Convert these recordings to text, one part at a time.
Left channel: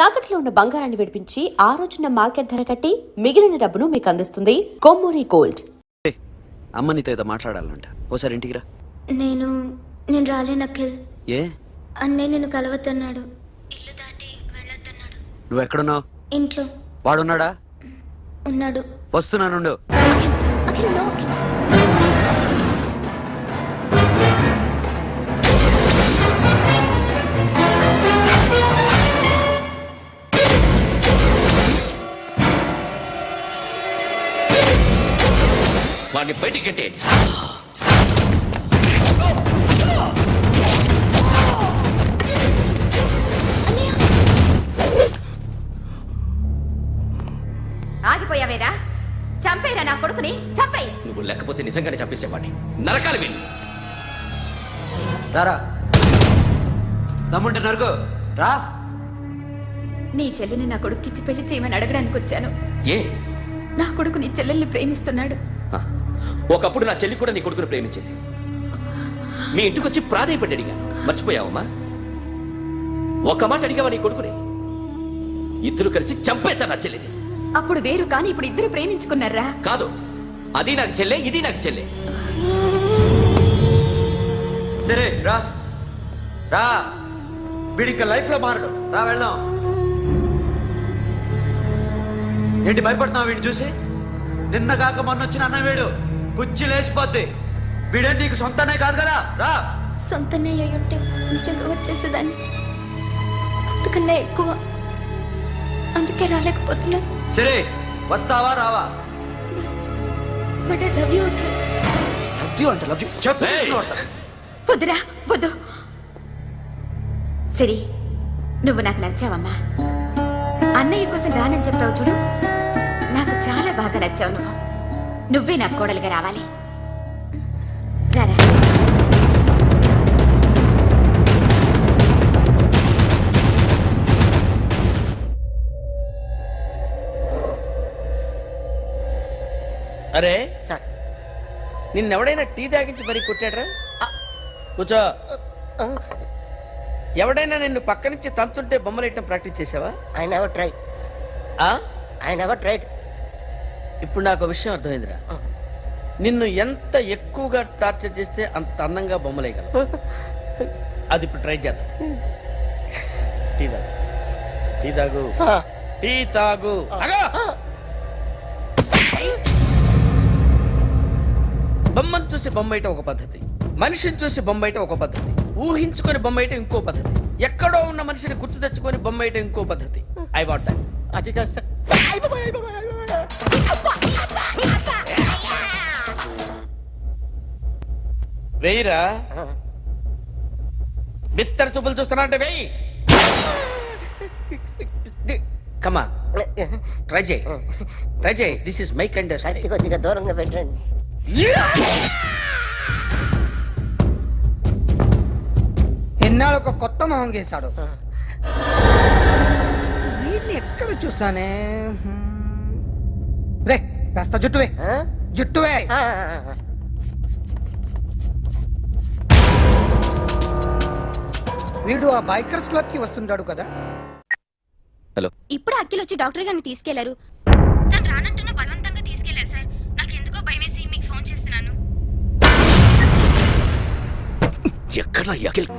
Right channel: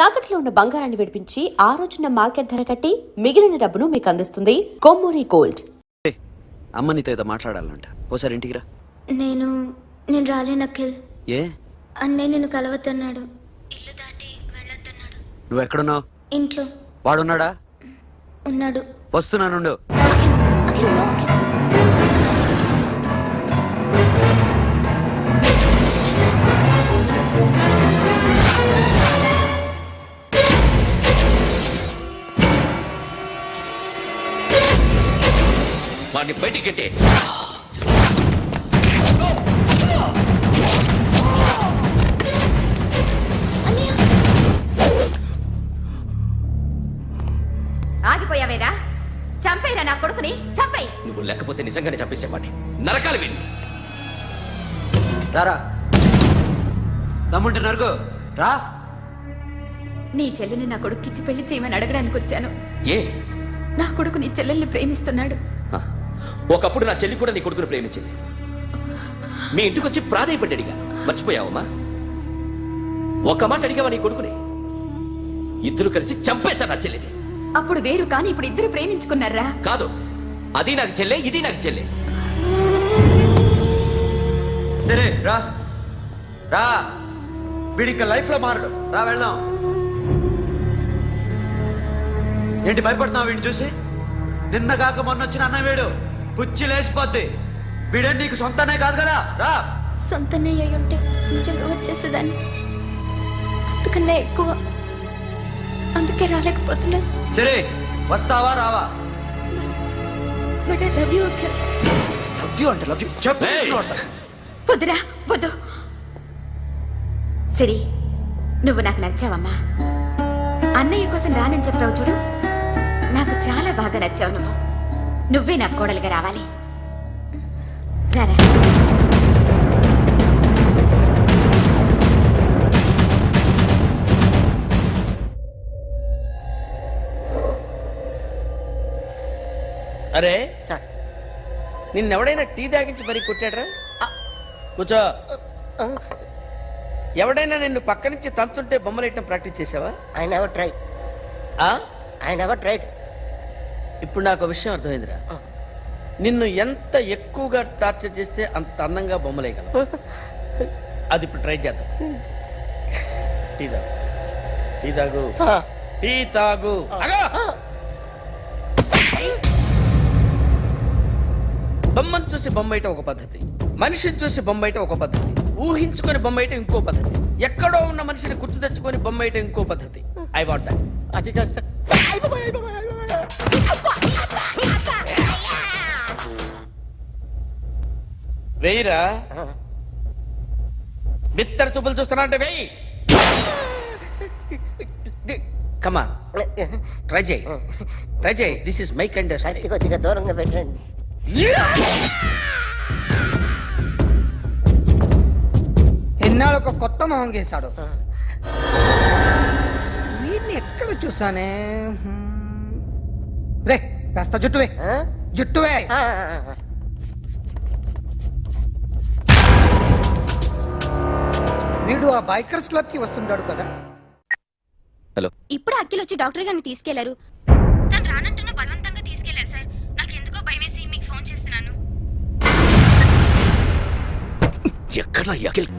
తాకట్లో ఉన్న బంగారాన్ని విడిపించి ఆ రోజున మార్కెట్ ధర కట్టి మిగిలిన డబ్బును మీకు అందిస్తుంది కొమ్మూరి గోల్డ్. అమ్మ నీతో ఏదో మాట్లాడాలంట, ఓసారి ఇంటికి రా. నేను రాలేను అఖిల్. ఏ? అన్నయ్య నిన్ను కలవద్దన్నాడు, ఇల్లు దాటి వెళ్ళొద్దన్నాడు. నువ్వు ఎక్కడున్నావు? ఇంట్లో. వాడున్నాడా? ఉన్నాడు. వస్తున్నానుండు. అఖిల్, అఖిల్, నో అఖిల్. వాడిని బయటికి గట్టే. ఆగిపోయావేరా? చంపేరా నా కొడుకుని, చంపేయి. నువ్వు లేకపోతే నిజంగానే చంపేసేవాడిని. నరకాలి వీడిని. రారా, దమ్ముంటే నరుకు రా. నీ చెల్లిని నా కొడుక్కిచ్చి పెళ్లి చేయమని అడగడానికి వచ్చాను. ఏ? నా కొడుకు నీ చెల్లెల్ని ప్రేమిస్తున్నాడు. ఒకప్పుడు నా చెల్లి కూడా నీ కొడుకుని ప్రేమించింది. మీ ఇంటికి వచ్చి ప్రాధాయపడి అడిగాను, మర్చిపోయావమ్మా? ఒక మాట అడిగావా నీ కొడుకుని? ఇద్దరు కలిసి చంపేశా నా చెల్లిని. అప్పుడు వేరు, కానీ ఇప్పుడు ఇద్దరు ప్రేమించుకున్నారా? కాదు, అది నాకు చెల్లె, ఇది నాకు చెల్లె. సరే రా రా, వీడి ఇంకా లైఫ్ లో మారడు. రా వెళ్దాం. ఏంటి భయపడుతున్నావు వీడిని చూసి? నిన్న కాక మొన్న వచ్చిన అన్న వీడు పుచ్చి లేచిపోద్ది. వీడే నీకు సొంతనే కాదు కదా. రా. సొంతన్నయ్య అయి ఉంటే నిజంగా వచ్చేసేదాన్ని, అంతకన్నా ఎక్కువ. అందుకే రాలేకపోతున్నాను. సరే, వస్తావా రావా? But I love you Akhil. Love you అంటే లవ్ యూ చెప్పు. వద్దురా, వద్దు. సిరి, నువ్వు నాకు నచ్చావమ్మా. అన్నయ్య కోసం రానని చెప్పావు చూడు, నాకు చాలా బాగా నచ్చావు. నువ్వే నాకు కోడలుగా రావాలి. రారా. అరే సార్, నిన్నెవడైనా టీ తాగించి మరీ కొట్టాడ్రా? కూర్చో. ఎవడైనా నిన్ను పక్క నుంచి తంతుంటే బొమ్మలేయటం ప్రాక్టీస్ చేసావా? I never try. I never tried. ఇప్పుడు నాకు విషయం అర్థమైందిరా. నిన్ను ఎంత ఎక్కువగా టార్చర్ చేస్తే అంత అందంగా బొమ్మలేయగలవు. అది ఇప్పుడు ట్రై చేద్దాం. టీ తాగు, టీ తాగు, టీ తాగు. బొమ్మను చూసి బొమ్మయటం ఒక పద్ధతి, మనిషిని చూసి బొమ్మయటం ఒక పద్ధతి, ఊహించుకొని బొమ్మయటం ఇంకో పద్ధతి, ఎక్కడో ఉన్న మనిషిని గుర్తు తెచ్చుకొని బొమ్మయటం ఇంకో పద్ధతి. I want that. అది కాదు సార్. వెయ్యిరా. బిత్తర చూపులు చూస్తున్నా అంటే వెయ్యి. కమాన్, ట్రై చేయి, ట్రై చేయి. This is my kind of కత్తి కొద్దిగా దూరంగా పెట్టండి. ఎన్నాళ్ళు ఒక కొత్త మొహం గీశాడు. వీడిని ఎక్కడ చూసానే? రే, కాస్త జుట్టువే, జుట్టువే. వీడు ఆ బైకర్స్ క్లబ్ కి వస్తుంటాడు కదా. హలో, ఇప్పుడు అఖిల్ వచ్చి డాక్టర్ గారిని తీసుకెళ్లారు. తను రానంటున్న బలవంతంగా తీసుకెళ్లారు సార్. నాకు ఎందుకో భయం వేసి మీకు ఫోన్ చేస్తున్నాను. ఎక్కడ అఖిల్?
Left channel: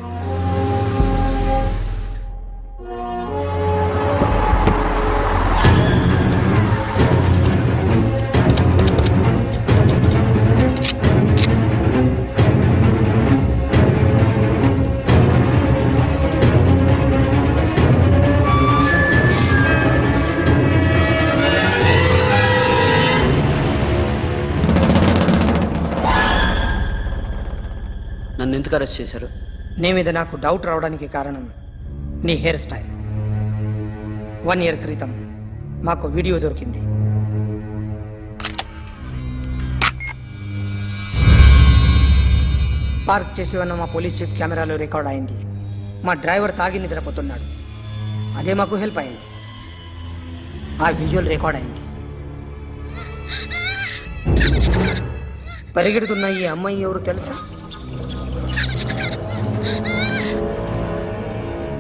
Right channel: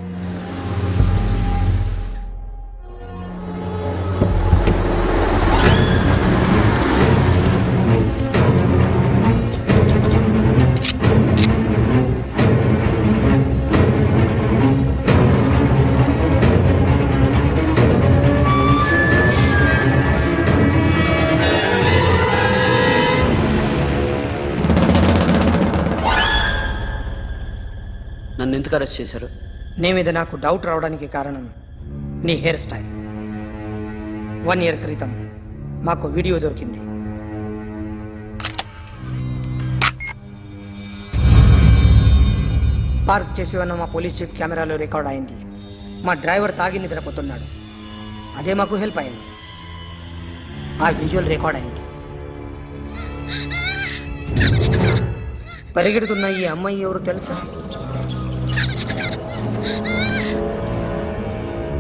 నన్ను ఎందుకు అరెస్ట్ చేశారు? నీ మీద నాకు డౌట్ రావడానికి కారణం నీ హెయిర్ స్టైల్. 1 year క్రితం మాకు వీడియో దొరికింది. పార్క్ చేసి ఉన్న మా పోలీస్ జీప్ కెమెరాలో రికార్డ్ అయింది. మా డ్రైవర్ తాగి నిద్రపోతున్నాడు. అదే మాకు హెల్ప్ అయింది. ఆ విజువల్ రికార్డ్ అయింది. పరిగెడుతున్న ఈ అమ్మాయి ఎవరు తెలుసా?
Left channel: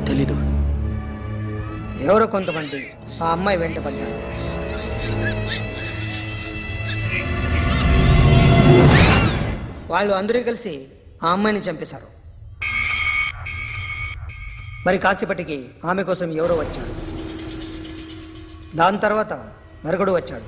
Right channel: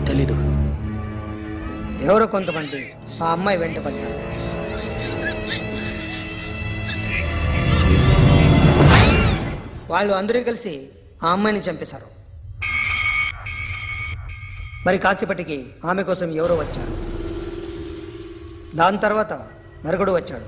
తెలీదు. ఎవరో కొంతమంది ఆ అమ్మాయి వెంట పడ్డారు. వాళ్ళు అందరూ కలిసి ఆ అమ్మాయిని చంపేశారు. మరి కాసేపటికి ఆమె కోసం ఎవరో వచ్చారు. దాని తర్వాత మరొకడు వచ్చాడు.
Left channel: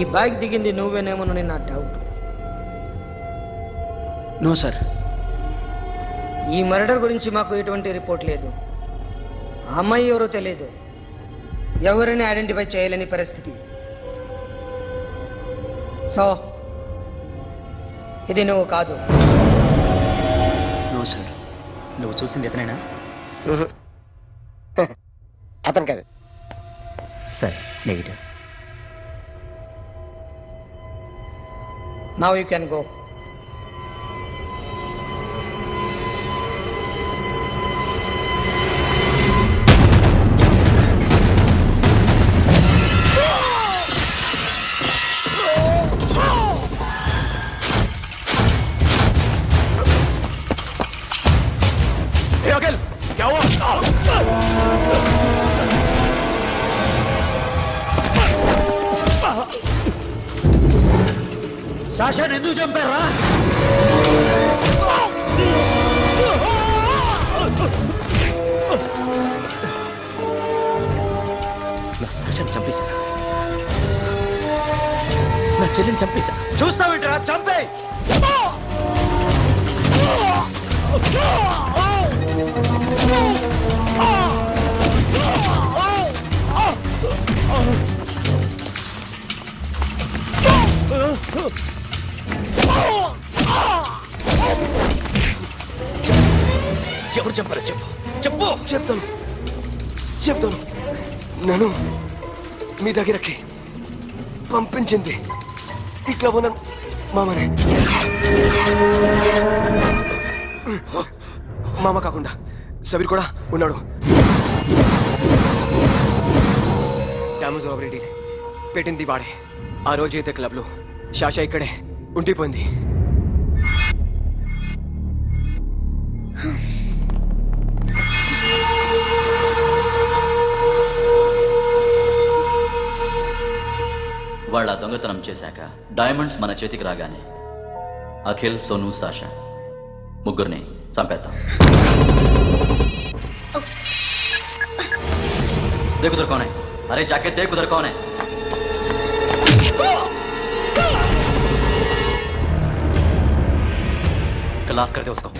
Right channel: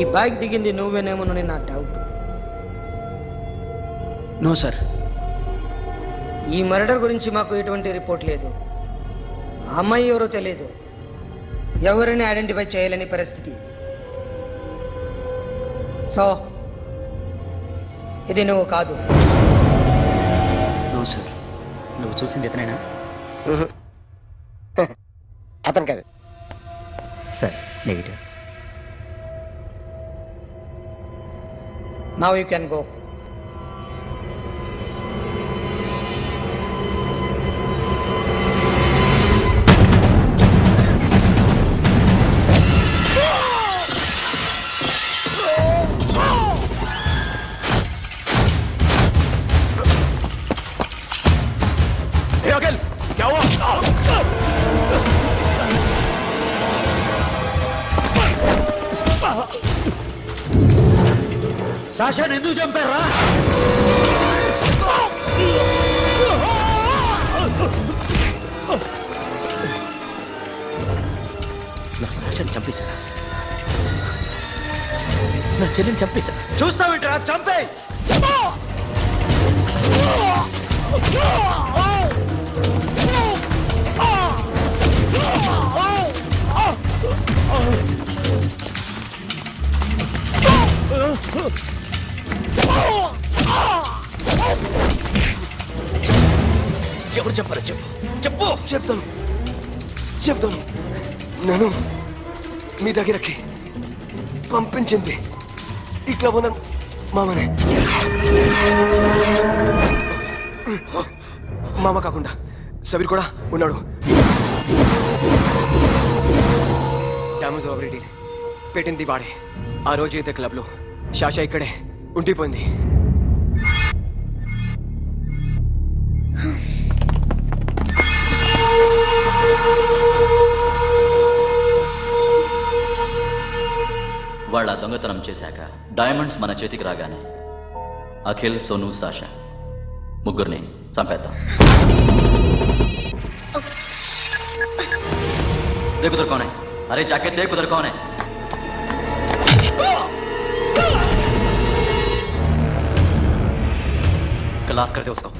ఈ బ్యాగ్ దిగింది నువ్వేనేమోనని నా డౌట్. No sir. ఈ మర్డర్ గురించి మాకు ఎటువంటి రిపోర్ట్ లేదు. ఆ అమ్మాయి ఎవరో తెలియదు. ఎవరిని ఐడెంటిఫై చేయలేని పరిస్థితి. సో ఇది నువ్వు కాదు. No sir. నువ్వు చూసింది ఇతనేనా? అతను కాదు sir, negative. Now you can go. సాషాని ఎందుకు చంపారా? నా సాషాన్ని చంపేశారా? నా చెల్లిని చంపేశా. చూస్తావేంట్రా? చంపే. ఎవరు చంపారో చెప్పు, చెప్పు. చెప్తాను. నన్ను మీ దగ్గరకి పంపించింది ఇట్లా ఉన్న మామనే. మామ కాకుండా సబీర్ కూడా ఉన్నాడు. డ్యామేజ్ ఓవర్ డీల్ పెట్టింది వాడే. ఆ రోజు అయితే క్లబ్లో షాషా ఇక్కడే ఉండిపోయింది. వాళ్ళ దొంగతనం చేశాక డైమండ్స్ మన చేతికి రాగానే అఖిల్, సోను, సాషా ముగ్గురిని చంపేద్దాం. देखो उधर कौन है? अरे जाके देख उधर कौन है? क्लास कर दे उसको.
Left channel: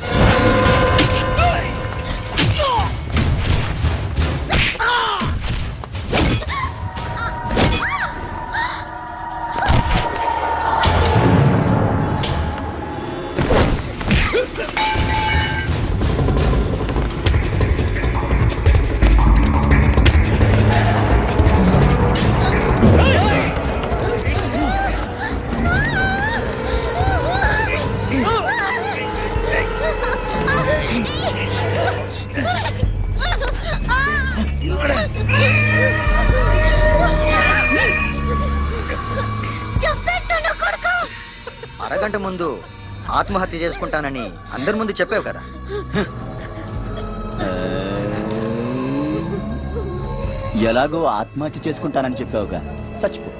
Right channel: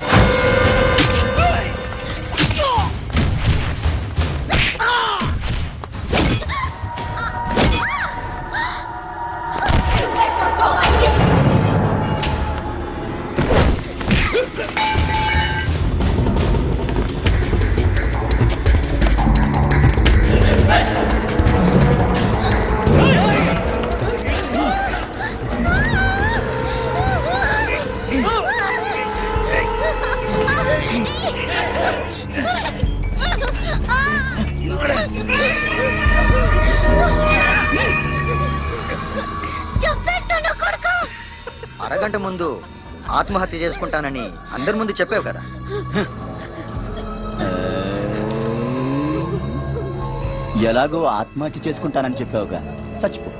అరగంట ముందు ఆత్మహత్య చేసుకుంటానని అందరి ముందు చెప్పావు కదా. ఎలాగో ఆత్మహత్య చేసుకుంటానని చెప్పావుగా, చచ్చిపో.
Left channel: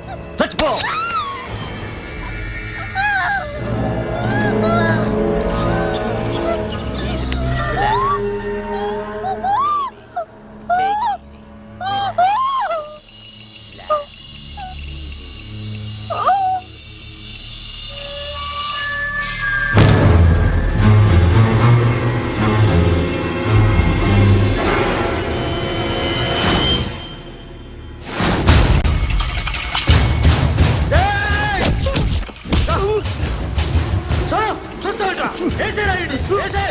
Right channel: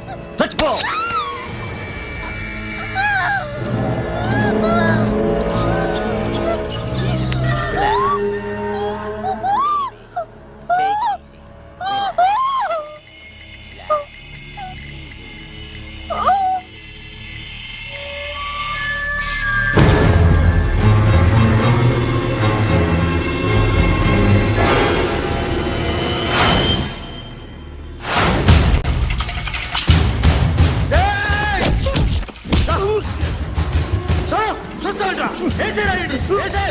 చూస్తావేంట్రా? ఏసేరా వీడిని, ఏసే.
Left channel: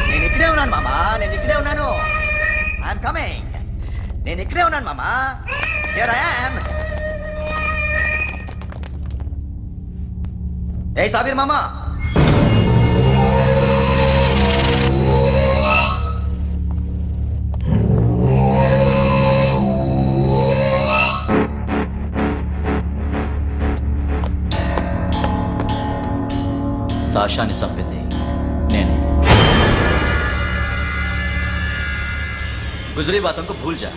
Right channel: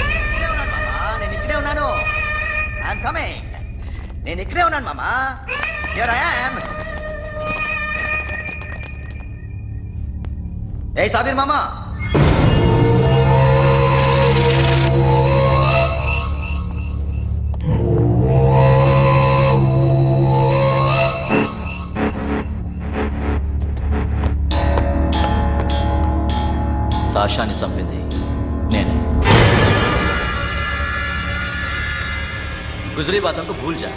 నేను ఇక్కడే ఉన్నాను మామా. I'm coming. నేను ఇక్కడే ఉన్నాను మామా. Here I am. ఏ సాబీర్ మామా, సాషాని చంపింది నేనే. గుజరీ బాతంకు భూల్ జా,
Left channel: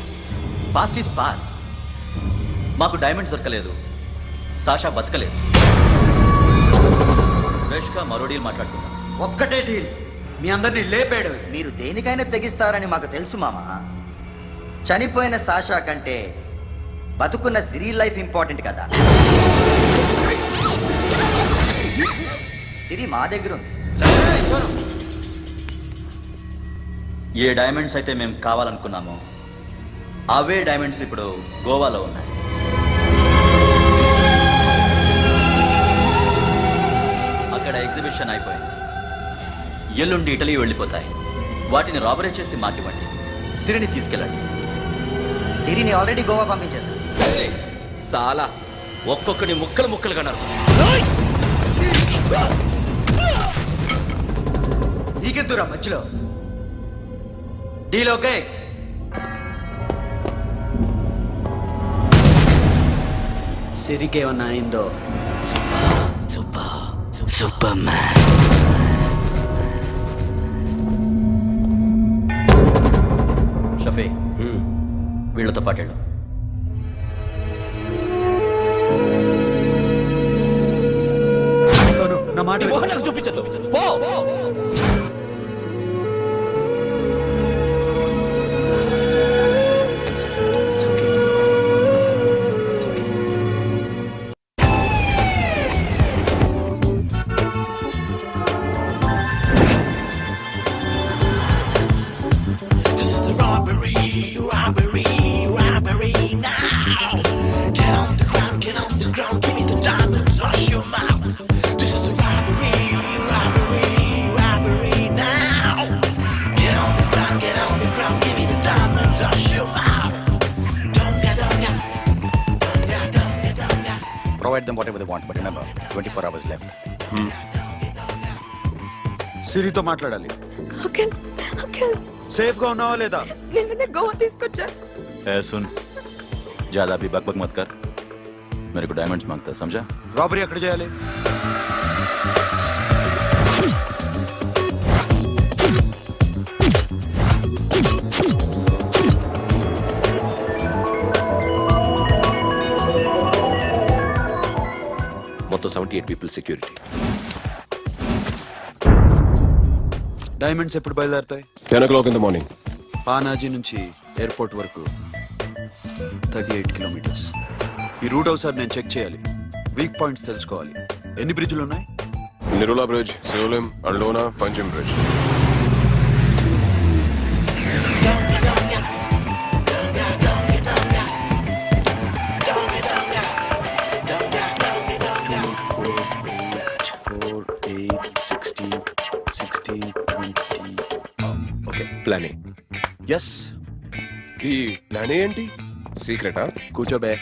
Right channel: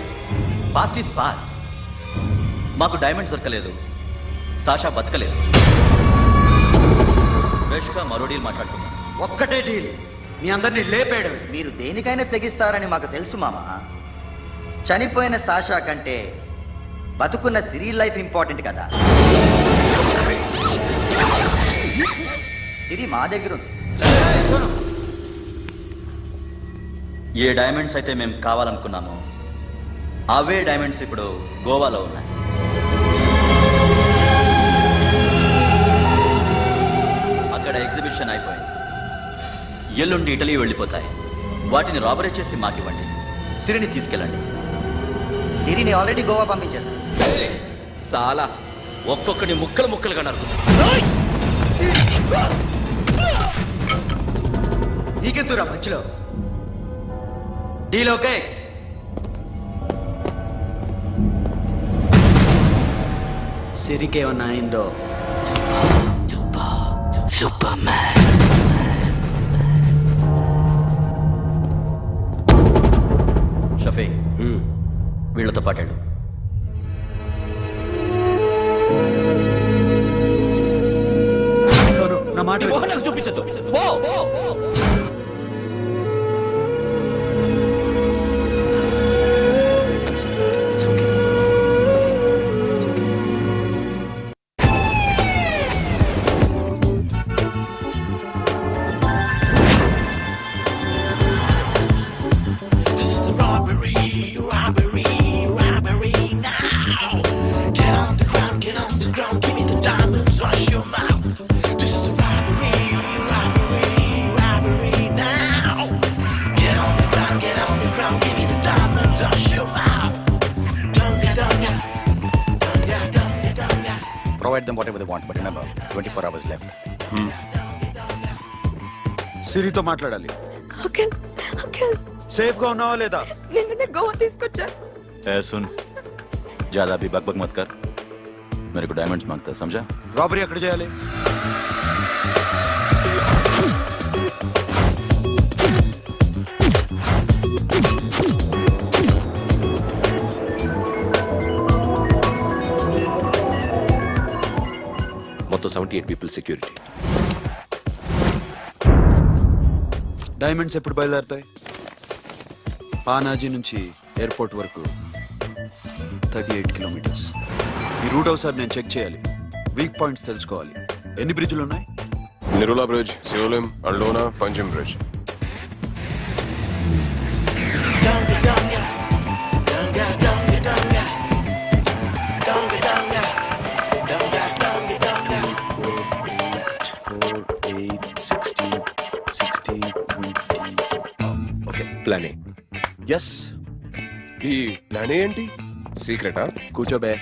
పాస్ట్ ఈజ్ పాస్ట్. మాకు డైమండ్స్ దొరకలేదు, సాషా బతకలేదు. ఫ్రెష్గా మరో డీల్ మాట్లాడుకుందాం. ఒక్కటే డీల్, మీ అందరినీ లేపేయడమే. మీరు దేనికైనా తెగిస్తారని మాకు తెలుసు మామ. చనిపోయిన సాషా కంటే బతుకున్న సిరి లైఫ్ ఇంపార్టెంట్ కదా. సిరి మా దగ్గర ఉంది. ఏయ్, సోను. ఏ డైమండ్స్ అయితే మేము కావాలనుకున్నామో అవే డైమండ్స్ ఇప్పుడు గోవాలో ఉన్నాయి. అక్కడ ఎగ్జిబిషన్ అయిపోయింది. ఎల్లుండి ఇటలీ వెళ్ళిపోతాయి. వాటిని రాబరీ చేసి మాకివ్వండి. సిరిని తీసుకెళ్ళండి. సిరిని ఆల్రెడీ గోవా పంపించేశాను. సాలా ఒక్కొక్కని ముక్కలు ముక్కలుగా నరుకు. నీకెందురా మధ్యలో? Deal okay? సిరికేమన్నా అయిందో? షఫీ, వీళ్ళతో పాటేళ్ళు. సోను, నా మాట నీ విను. మొహం నాకు చూపించద్దు. పో. It's okay. It's okay. Provide them whatever they want, but remember, 24 hours left. సిరితో మాట్లాడాలి. అంకుల్ అంకుల్ సేఫ్ గా ఉన్నావా లేదా? నిన్న గోవా తీసుకొచ్చారు. ए सुन, ज्यादा भी बकबक मत कर. मेरे को डायमंड्स मांगता है, समझा? రాబరీ ఎక్కడ చేయాలి? మొత్తం 78 పీపుల్ సెక్యూరిటీ. డైమండ్స్ ఎప్పుడు బయలుదేరుతాయి? 10 o'clock in the morning. Panaji నుంచి ఎయిర్పోర్ట్ వరకు 38 కిలోమీటర్స్. ఈ రూట్ ఒకసారి నేను చెక్ చేయాలి. వీక్ పాయింట్స్ తెలుసుకోవాలి. ఎన్ని బ్రిడ్జ్లు ఉన్నాయి? Nirula Bridge, Seolim, Aldona, Panjim Bridge. Okay, plan A. Yes. ఈ ప్లాన్ ఏంటి? సీక్రెటా? కూర్చోబే.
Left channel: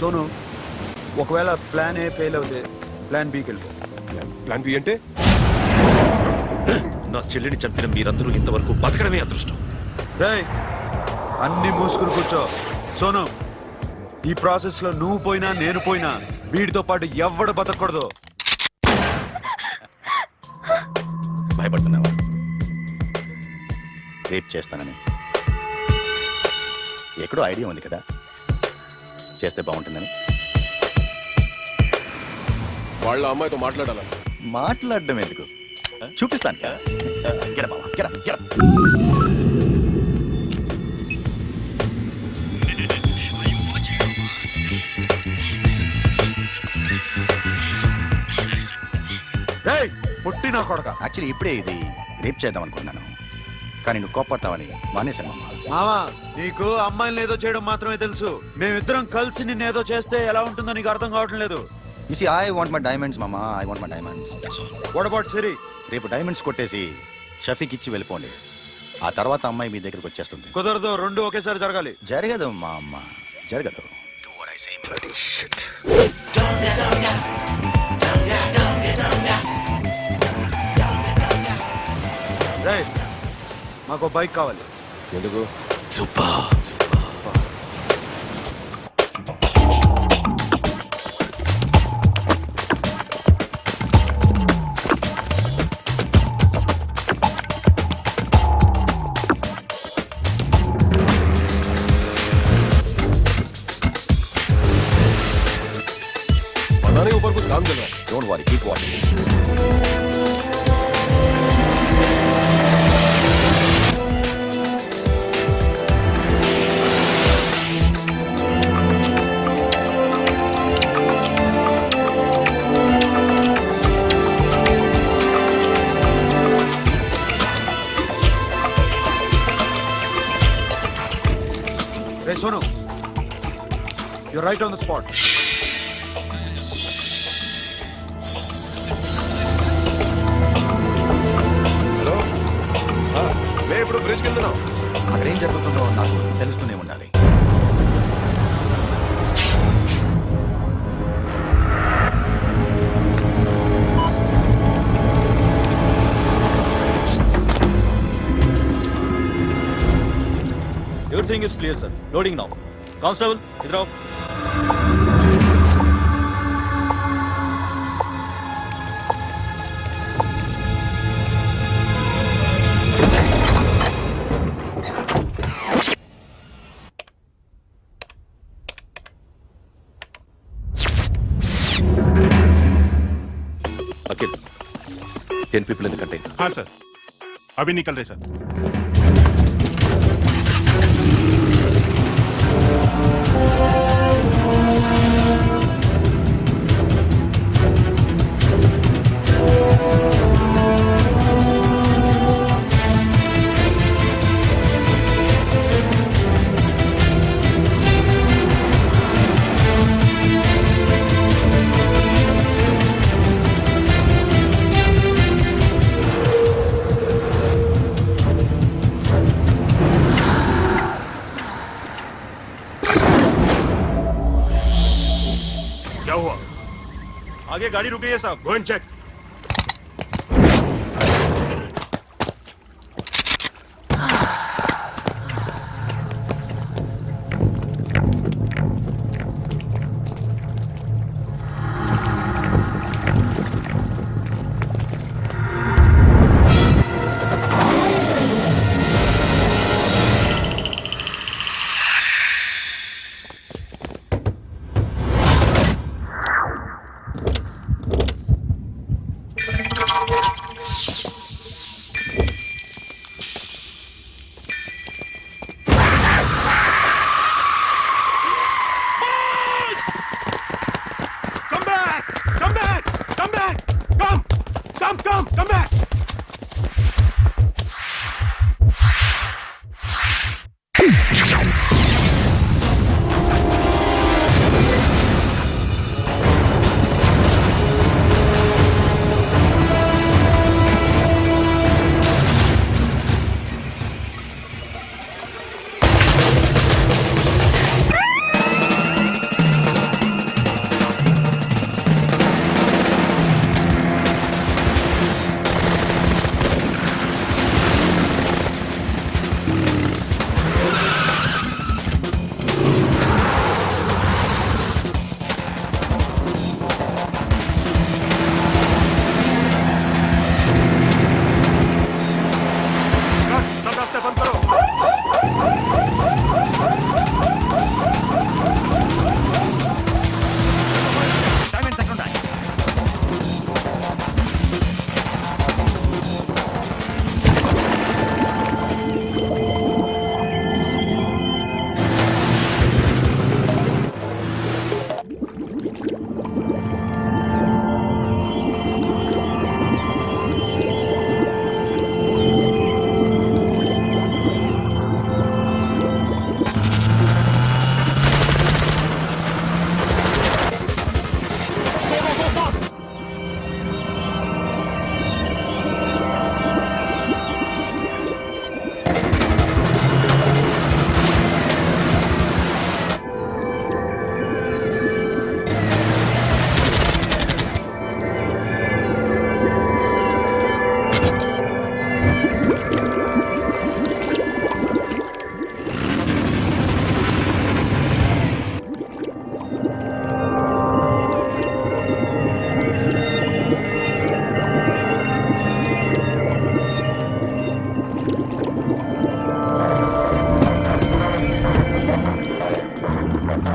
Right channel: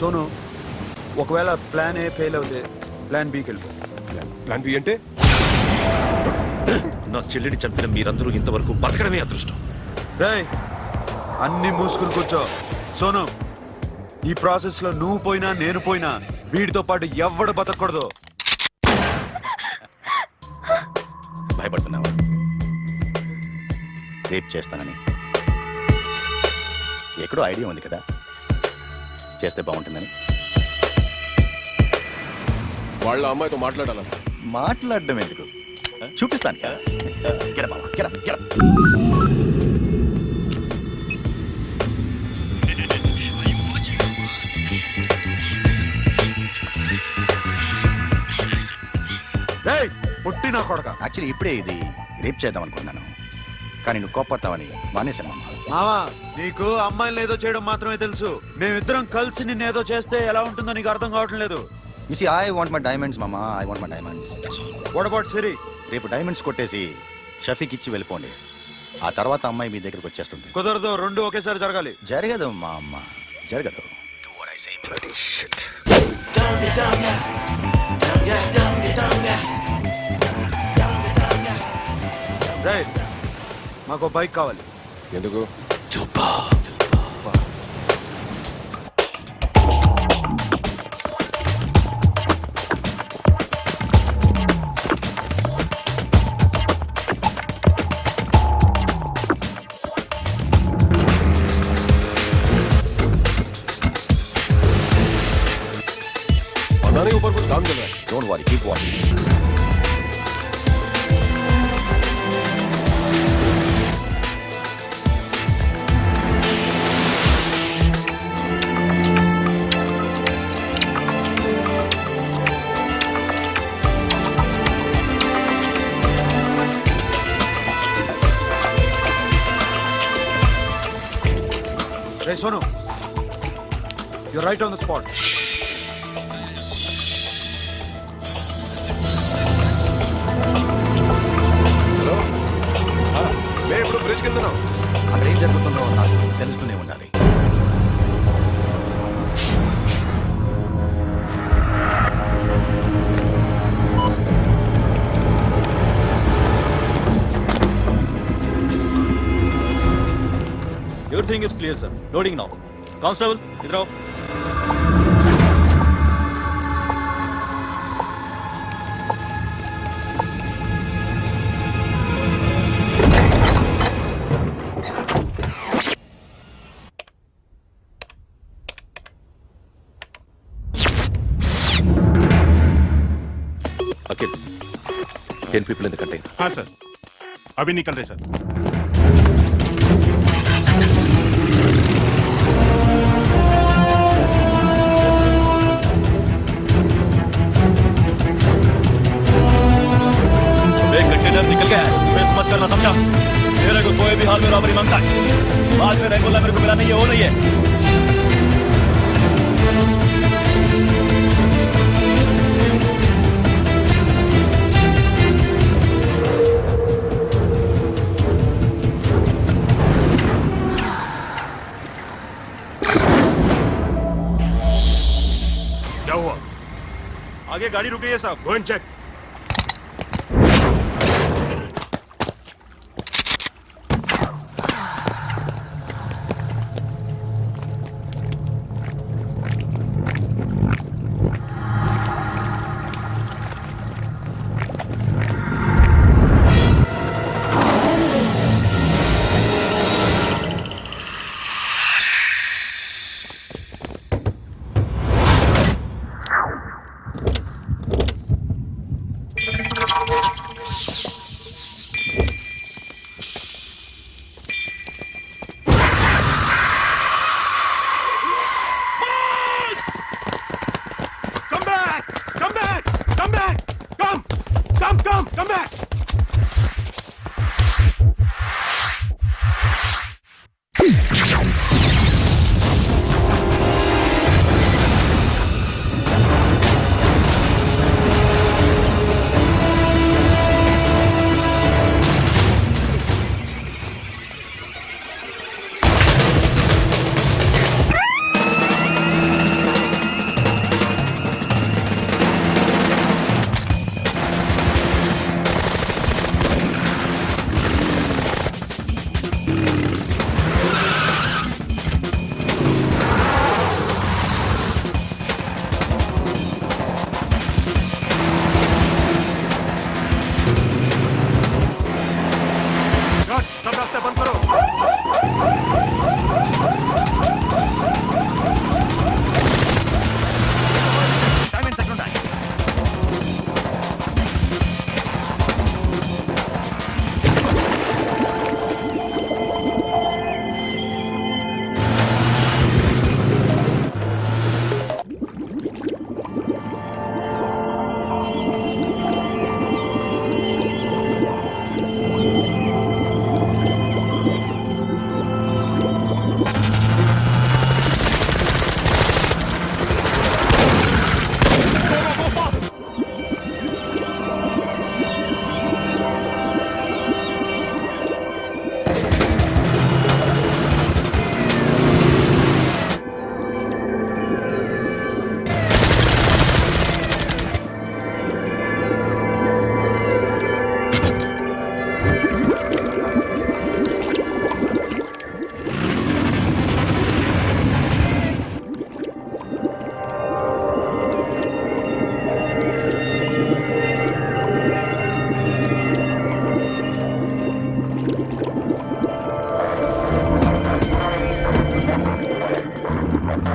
సోను, ఒకవేళ ప్లాన్ ఏ ఫెయిల్ అవుతే ప్లాన్ బికి వెళ్ళిపో. ప్లాన్ బి అంటే? నా చెల్లిని చంపిన మీరందరూ ఇంతవరకు బతకడమే అదృష్టం. రేయ్, అన్ని మూసుకుని కూర్చో. సోను, ఈ ప్రాసెస్ లో నువ్వు పోయినా నేను పోయినా వీడితో పాటు ఎవ్వడు బతకూడదు. భయపడుతున్నావా? రేప్ చేస్తానని ఎక్కడో ఐడియా ఉంది కదా, చేస్తే బాగుంటుందని. వాళ్ళ అమ్మాయితో మాట్లాడాల. మాట్లాడడం ఎందుకు, చూపిస్తాను. గెర బావా, గెర గెర. రేయ్, పుట్టి నా కొడక. యాక్చువల్లీ ఇప్పుడే ఇది రేప్ చేద్దాం అనుకున్నాను. కానీ నువ్వు కోపడతావని మానేశాను మామ. మావా నీకు అమ్మాయిని ఏదో చేయడం మాత్రమే తెలుసు. మేమిద్దరం కలిసి నిన్ను ఏదో చేస్తే ఎలా ఉంటుందో నీకు అర్థం కావటం లేదు. You see, I want my diamonds, Mama. I want my diamonds. What about Siri? రేపు డైమండ్స్ కొట్టేసి షఫీకి ఇచ్చి వెళ్ళిపోండి. ఆ తర్వాత అమ్మాయి మీ దగ్గరకు వచ్చేస్తుంది. కుదరదు, రెండు ఒకేసారి జరగాలి. జరగదు మా అమ్మ, జరగదు. Do what I say, bloody shit. రేయ్, మాకు బైక్ కావాలి. ఎందుకు? पता नहीं ऊपर कुछ काम चल रहा है. Don't worry, keep watching. Ray Sonu, you right on the spot. Hello, మేము ఇప్పుడు బ్రిడ్జ్ కింద ఉన్నాం. అక్కడ ఏం జరుగుతుందో నాకు తెలుస్తూనే ఉండాలి. Everything is clear, sir. Loading now. Constable, इधर आओ. Akhil, 10 people in the container. हाँ सर, अभी निकल रहे सर. एक कंटेनर निकल गया है. मिस मत करना, समझा? मेरे को कोई भी हाल में रॉबरी मांगता है. बाद में रेगुलर मेरे को मिला नहीं हो रही है. क्या हुआ? आगे गाड़ी रुक गई है साहब. Go and check.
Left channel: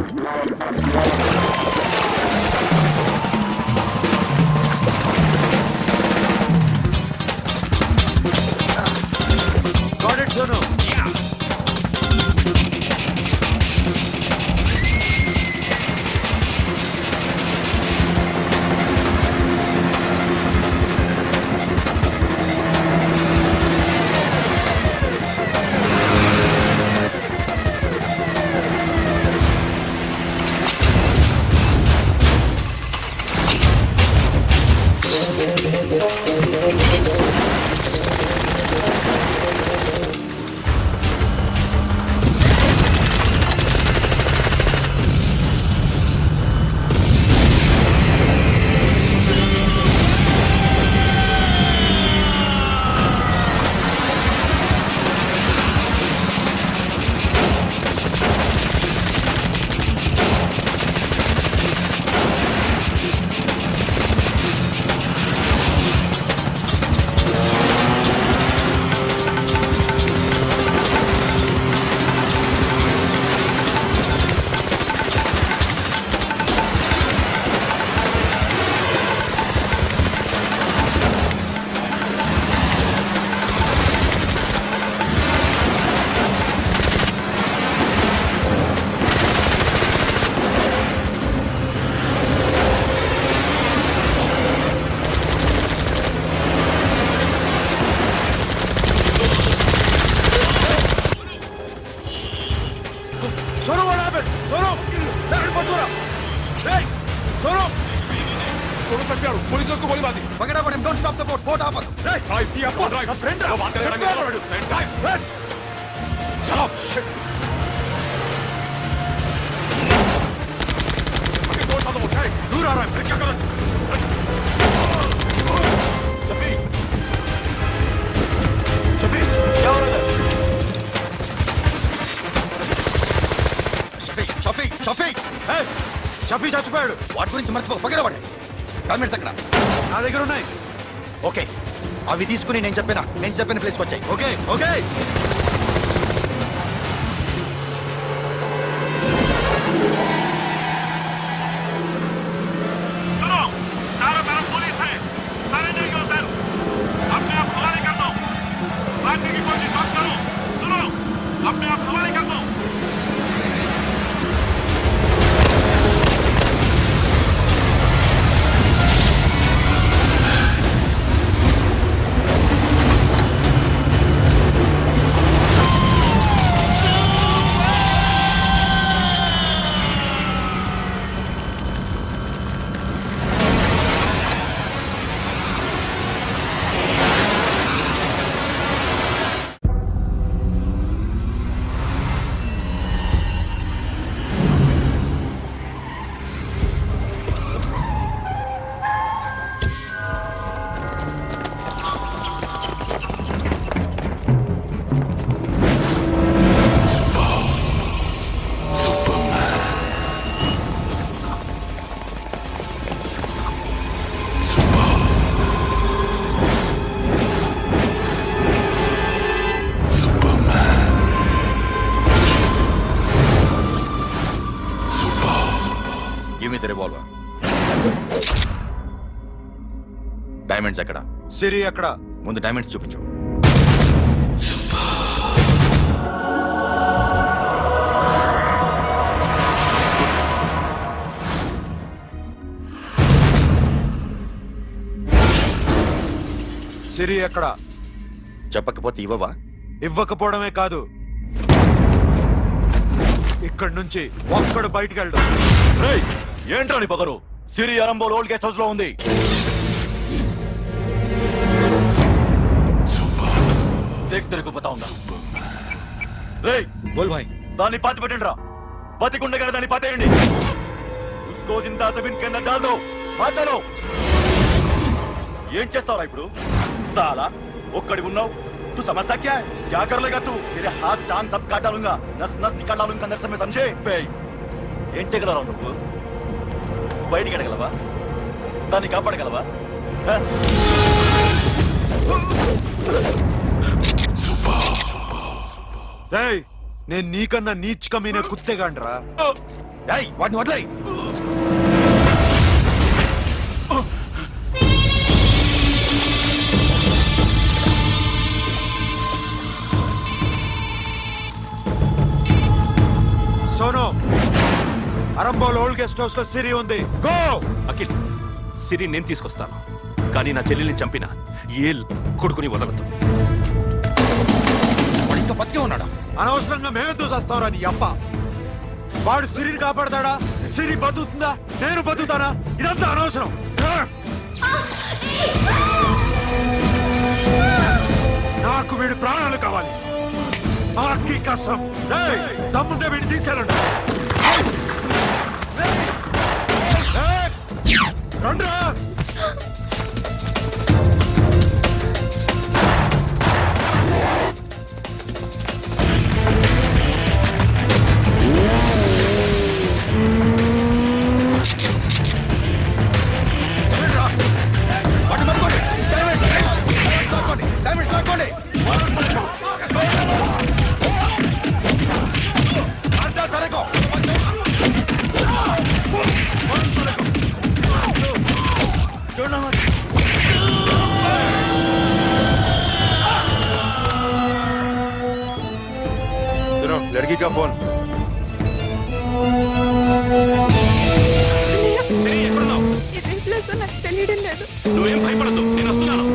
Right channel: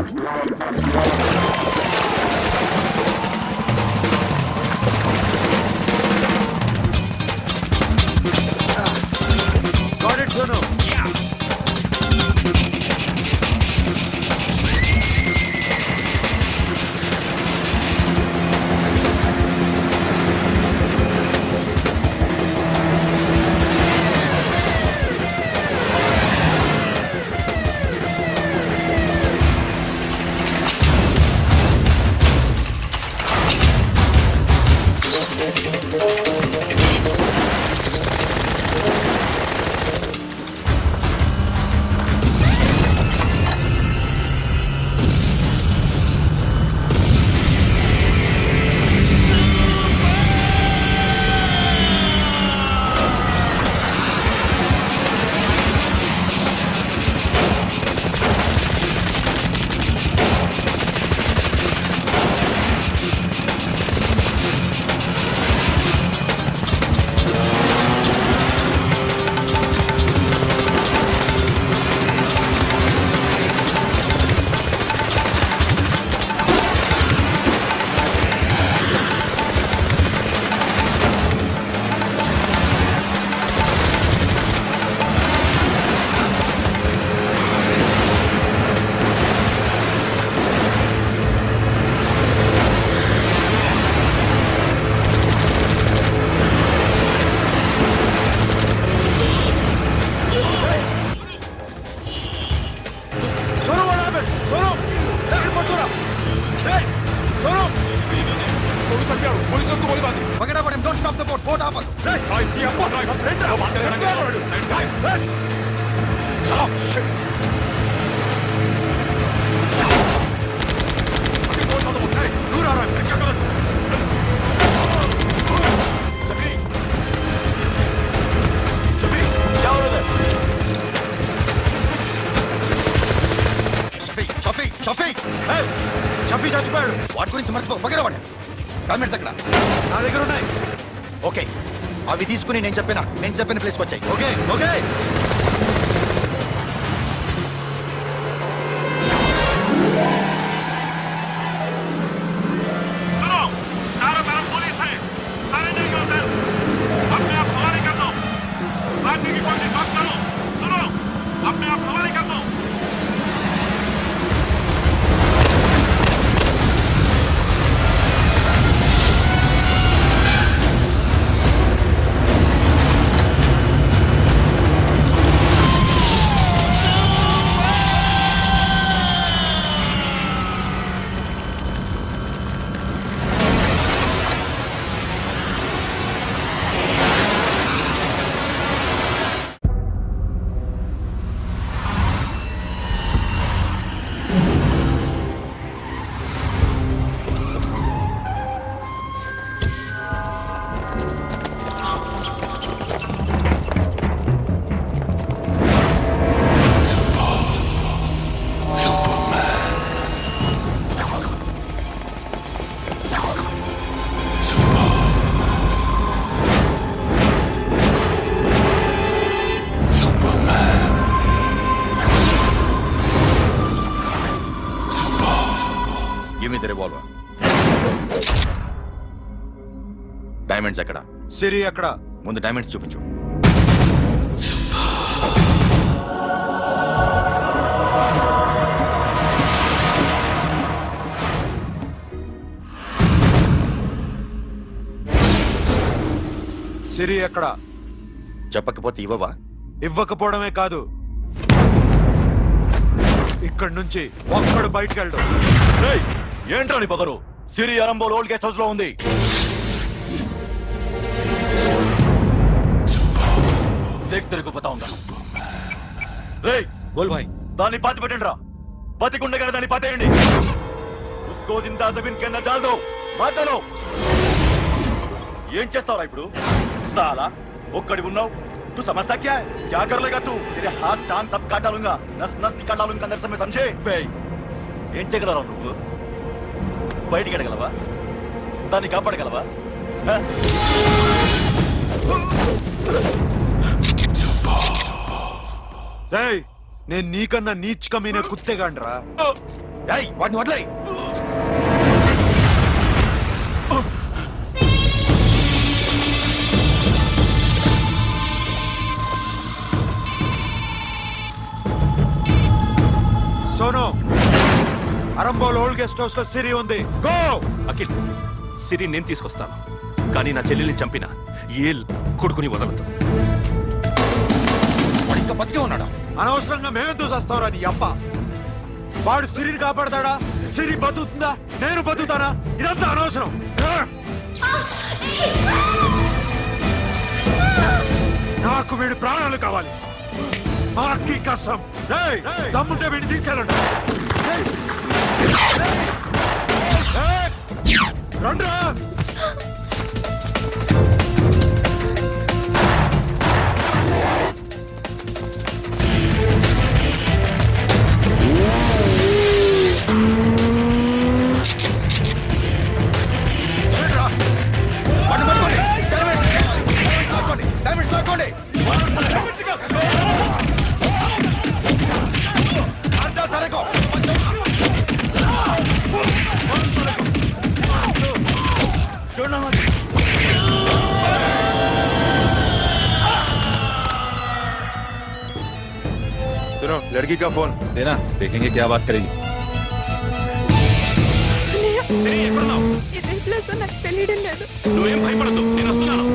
Got it, Sonu. Sonu, what happened? Sonu! Hey, Mathura! Hey! Sonu! Sonu చచ్చిపోయాడు. పోలీసులు వచ్చి గోలీ బాది. Forget about him. Don't stop the boat. Boat ఆపదు. Hey! Drive the up, drive. Friend, वो बात करेगा नहीं। Drive. Hey! चलो. Shit. अभी बोट साथ बोट। Hey, दूर आ रहा है। मैं क्या करूं? शफी! शफी, क्या हो रहा है? షఫీ Hey! షఫీ చచ్చిపోయాడు. వాటి గురించి మర్చిపో. Forget about him. డాక్యుమెంట్స్ ఎక్కడ? నా దగ్గర ఉన్నాయి. ఓకే, అవి తీసుకుని నేను చెప్పిన ప్లేస్కి వచ్చాయి. Okay okay. सुनो, चारों तरफ पुलिस है। Surrender yourself. अपने आप हवाले कर दो। भागने की कोशिश मत करो। सुनो, अपने आप हवाले कर दो। Give me the revolver. Diamonds ఎక్కడ? సిరి ఎక్కడ? ముందు డైమండ్స్ చూపించు. సిరి ఎక్కడ? చెప్పకపోతే ఇవ్వవా? ఇవ్వకపోవడమే కాదు, ఇక్కడి నుంచి ఒక్కడు బయటకు వెళ్ళడం. రేయ్, ఏంట్రా నీ పొగరు? సిరి అరంబోల్ ఓల్డ్ గెస్ట్ హౌస్ లో ఉంది. దేఖ్ తెరకు బతాऊंगा. రేయ్ బోల్ భాయ్. దాన్ని పాతి పెట్టండి రా. బతికుండగానే దాన్ని పాతేయండి. ఉస్కో జిందా జమీన్ కే అందర్ డాల్ దో. మాటలో ఏం చేస్తావురా ఇప్పుడు? సాలా ఒక్కడి ఉన్నావు. तू समझता क्या है? क्या कर लेगा तू? तेरे हाथ टांग सब काट डालूंगा, नस नस निकाल डालूंगा अंदर से, मैं समझे? ఏం చేయగలరా నువ్వు? బయటికి ఎడగలవా? దాన్ని కాపాడగలవా? నేను నీకన్నా నీచ్ కమీనే కుత్తేగాండ్రా. ఏయ్ వాడిని వదిలేయ్. Sonu Arambol old guest house లో సిరి ఉంది. గో. అఖిల్ సిరి నేను తీసుకొస్తాను, కానీ నా చెల్లెల్ని చంపిన ఏ కొడుకుని వదలదు. వాడు ఇంకా బతికే ఉన్నాడా? అనవసరంగా మేమెందుకు చేస్తావురా నీ అప్ప? వాడు సిరిని కాపాడతాడా? సిరి బతుకుతుందా? నేను బతుకుతానా? ఇదంతా అనవసరం. నాకు వీడి ప్రాణాలు కావాలి. ఆకి కసం. రేయ్, దమ్ముంటే వీడిని తీసుకెళ్ళండి. ఏయ్, రండ్రా. వాడిని పట్టుకోండి. డైమండ్స్ లాక్కోండి. అంతా సరేకో. सुनो लड़की का फोन लेना, देखेंगे क्या बात करेंगे. సిరి ఎక్కడున్నావు? ఇదే ప్లేస్ నాకు తెలియడం లేదు. నువ్వేం భయపడద్దు, నేను వస్తున్నాను.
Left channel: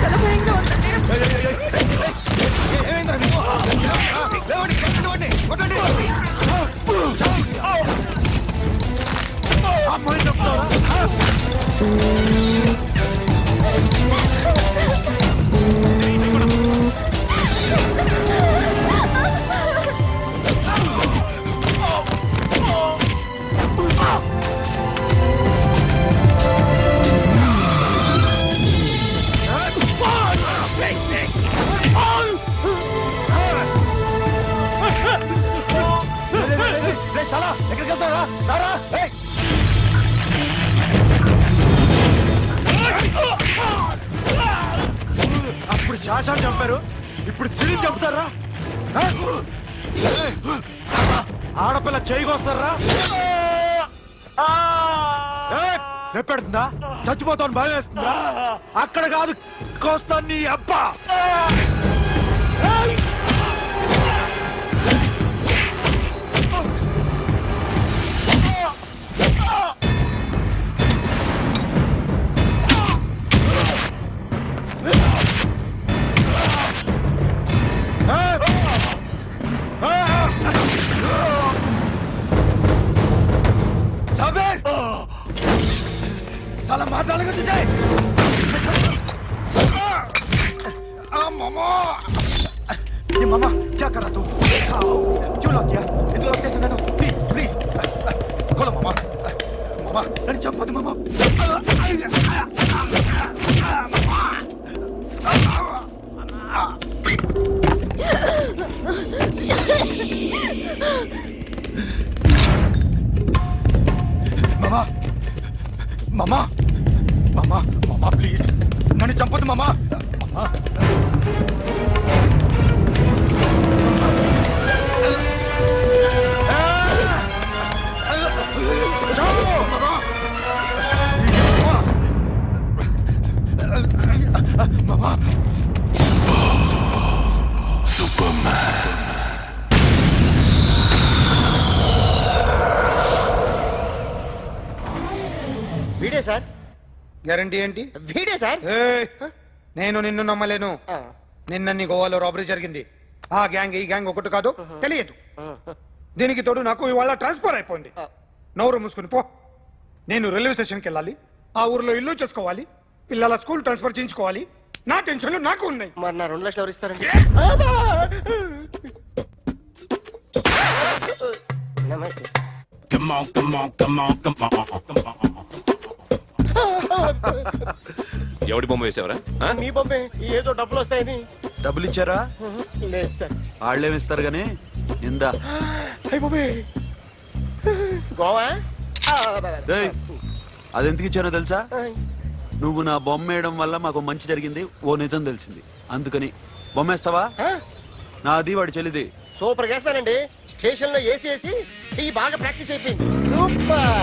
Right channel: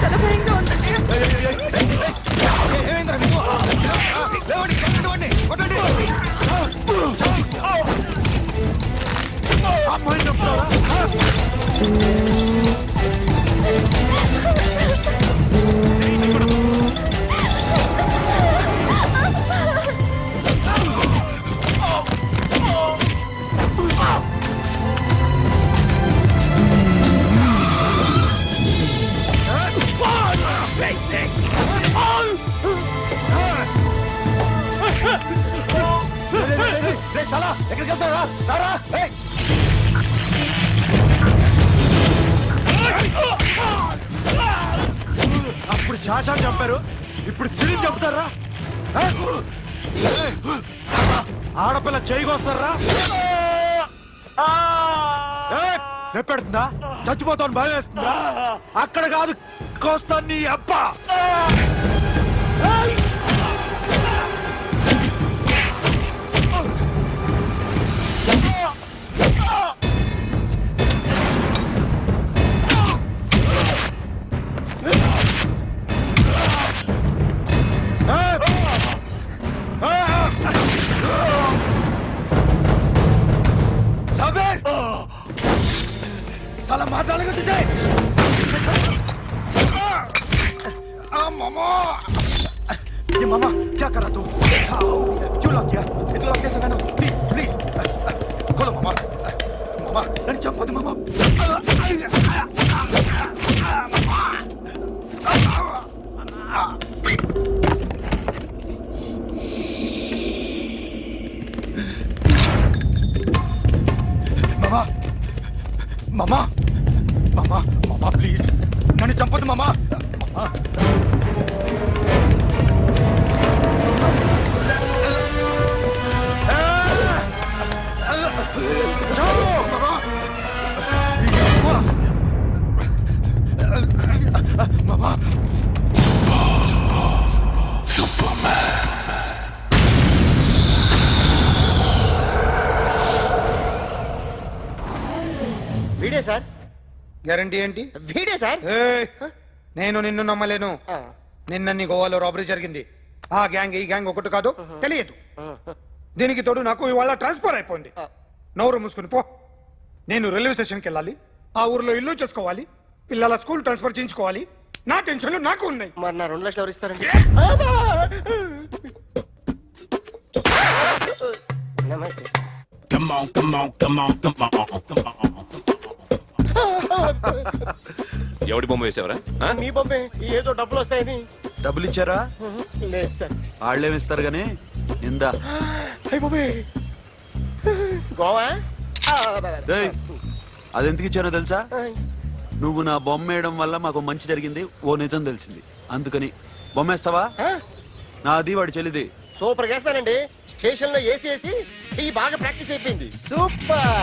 చాలా భయంగా ఉందండి. ఏమైందిరా నీకు? లేవండి, కొట్టండి, కొట్టండి. అమ్మాయి చెప్తారా? సాలా ఎక్కడికి వెళ్తారా? రారా. అప్పుడు శాసనం చంపారు, ఇప్పుడు సిరిని చంపుతారా? ఆడపిల్ల చేయకొస్తారా? నెప్పెడుతుందా? చచ్చిపోతాను భయం వేస్తుందా? అక్కడ కాదు, కోస్తాను నీ అబ్బా. साबिर, साला मार डालेगा तुझे. मामा, ये मामा क्या कर रहा तू? क्यों लॉक किया? ये तो लॉक कैसे ना? प्लीज खोलो मामा. मामा नन्ही चंपదు मामा. మామా మామా మామా మామా ప్లీజ్ నన్ను చంపొద్దు మామా. మామా మామా వీడే సార్. గ్యారంటీ ఏంటి? వీడే సార్. నేను నిన్ను నమ్మలేను. నిన్న గోవాలో రాబరీ జరిగింది. ఆ గ్యాంగ్ ఈ గ్యాంగ్ ఒకటి కాదు, తెలియదు. దీనికి తోడు నాకు ఇవాళ ట్రాన్స్ఫర్ అయిపోయింది. నోరు మూసుకుని పో. నేను రైల్వే స్టేషన్కి వెళ్ళాలి, ఆ ఊర్లో ఇల్లు చేసుకోవాలి, పిల్లల స్కూల్ ట్రాన్స్ఫర్ చేయించుకోవాలి. నా టెన్షన్లు నాకు ఉన్నాయి. మరి నా 2 లక్షలు ఎవరు ఇస్తారండి? నమస్తే సార్. ఎవడి బొమ్మ వేసావరా మీ బొమ్మే ఏదో డబ్బులు వస్తాయని. డబ్బులు ఇచ్చారా? లేదు సార్. వాళ్ళేమిస్తారు గానీ ఇందా. అయ్య బాబే గోవా. రేయ్, అది ఎందుకు ఇచ్చానో తెలుసా? నువ్వు నా బొమ్మ వేయడం వల్ల మాకు మంచి జరిగింది, ఓ నిజం తెలిసింది. అందుకని బొమ్మేస్తావా? నాది వాడి చెల్లిది. సూపర్ చేస్తానండి. స్టేషన్ లో ఏసీ చెయ్యి బాగా ప్రాక్టీస్ అయిపోయింది. సూపర్.